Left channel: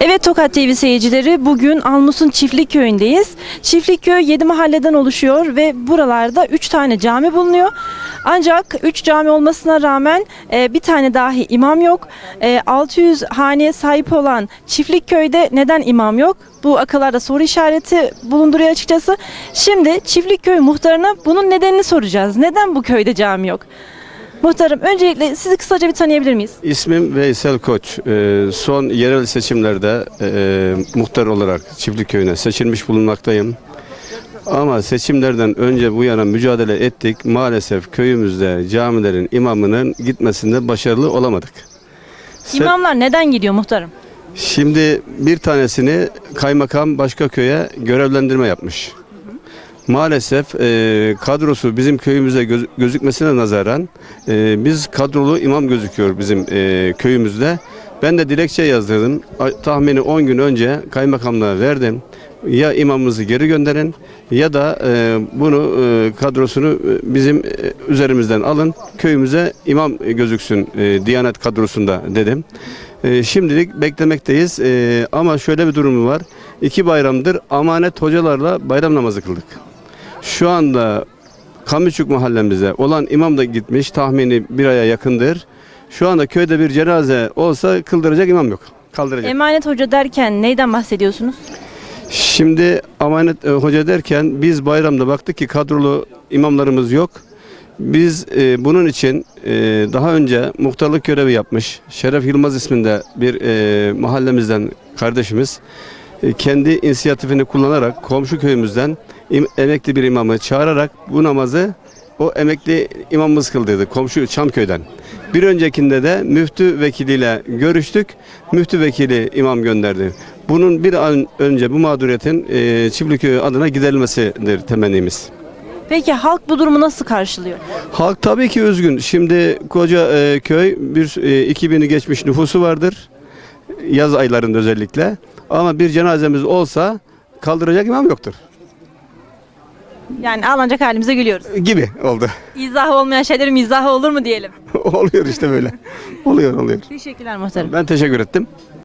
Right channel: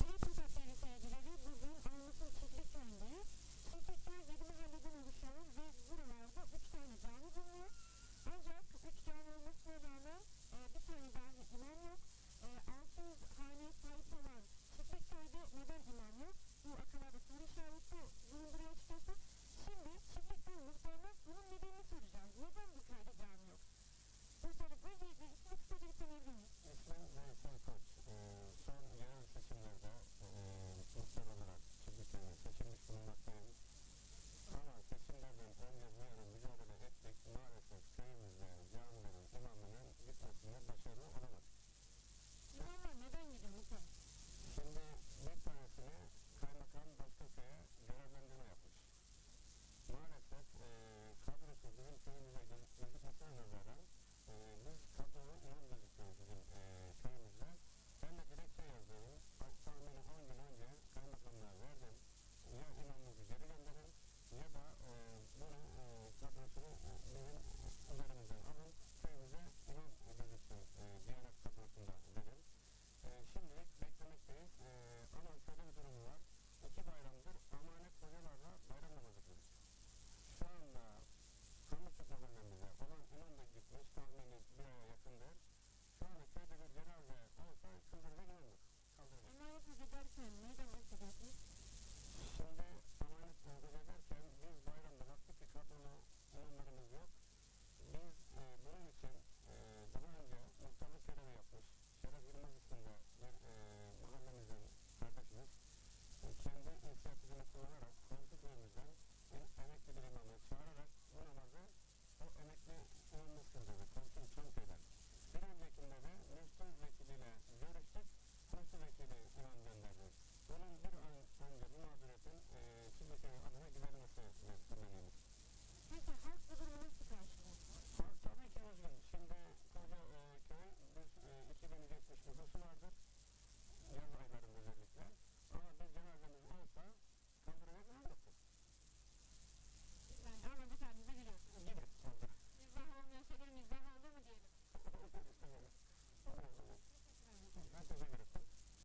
Evet Tokat TV seyircileri bugün Almus'un Çiftlik Köyü'ndeyiz. Çiftlik Köy 7 mahalleden oluşuyor ve buralarda 3 tane cami bulunuyor. Ancak 3 cami olmasına rağmen e, bir tane dahi imam yok. E, 600 haneye sahip olan Çiftlik Köy'de neden imam yok? Bu akıllarda soru işareti bulunduruyor açıkçası. Şimdi Çiftlik Köy muhtarına bunun nedenini soracağız. Neden bu köyde cami yok? Muhtarım öncelikle sizi kısaca bir tanıyabilir miyiz? İsmim Veysel Koç. Ee, son yerel seçimlerde e, muhtar olarak Çiftlik Köyü'ne seçilmiş bulunmaktayım. Ama seçimlerden önce bu yana mücadele ettik. Maalesef köyümüzde camilerin imamının gitmesinde başarılı olamadık. Se- İmamlar neden gidiyor muhtarım? Şimdi bir tanesini kaymakam başka köye görevlendirme yapmış. Maalesef e, kadrosu bizim köyümüze göz- gözükmesine nazaran e, biz kadrolu imam gözüküyor bizim e, köyümüzde. Ben de dilekçe yazdırdım. Tahmini 10 gün önce kaymakamlığa verdim. Ya imamımızı geri gönderin ya da e, bunu e, kadrosunu e, bizim e, üzerimizden alın. Köyümüze imam gözüksün e, Diyanet kadrosunda dedim. E, şimdilik beklemekteyiz E, ama şöyle bir durumu var. İki bayramdır amanet hocalarla bayram namazı kıldık. Şu anda Kamüçük mahallemizde olan imam da gitmiş tahmini bir aya yakındır. Şu anda köyde bir cenaze olsa kıldıracak imam yok. Kaldıracak. Emanet hoca derken neyden bahsediyorsunuz? Şimdi amanet e, hoca derken biz bayramda baktık ki kadrolu imamlarımız yok. Biz e, bunun için e, daha önce muhtarlık görevi yapmış Şeref Yılmaz isminde bir e, mahallemizden kardeşimiz e, kendi inisiyatifini kullanarak komşu köyümüzden im- emekli bir imamı çağırarak bu namazı o emekli imamımız kıldırdı komşu Çamköy'den. Bir öncekinde de müftü vekiliyle görüştük. Müftü vekili imam gönderdi. Bunun bir an önce bu mağduriyetin e, Çiftliköy adına giderilmesidir temennimiz. Peki halk bu durumu nasıl karşılıyor? Halk tabii ki üzgün. Şimdi koca e, köy bir e, 2000'i geçmiş nüfusu vardır. Yaz aylarında özellikle. Ama bir cenazemiz olsa kaldıracak imam yoktur. Yani ağlanacak halimize gülüyoruz. Gibi oldu. İzahı olmayan şeylerin mizahı olur mu diyelim. oluyor işte böyle. oluyor oluyor. Teşekkürler muhtarım. Ben teşekkür ettim.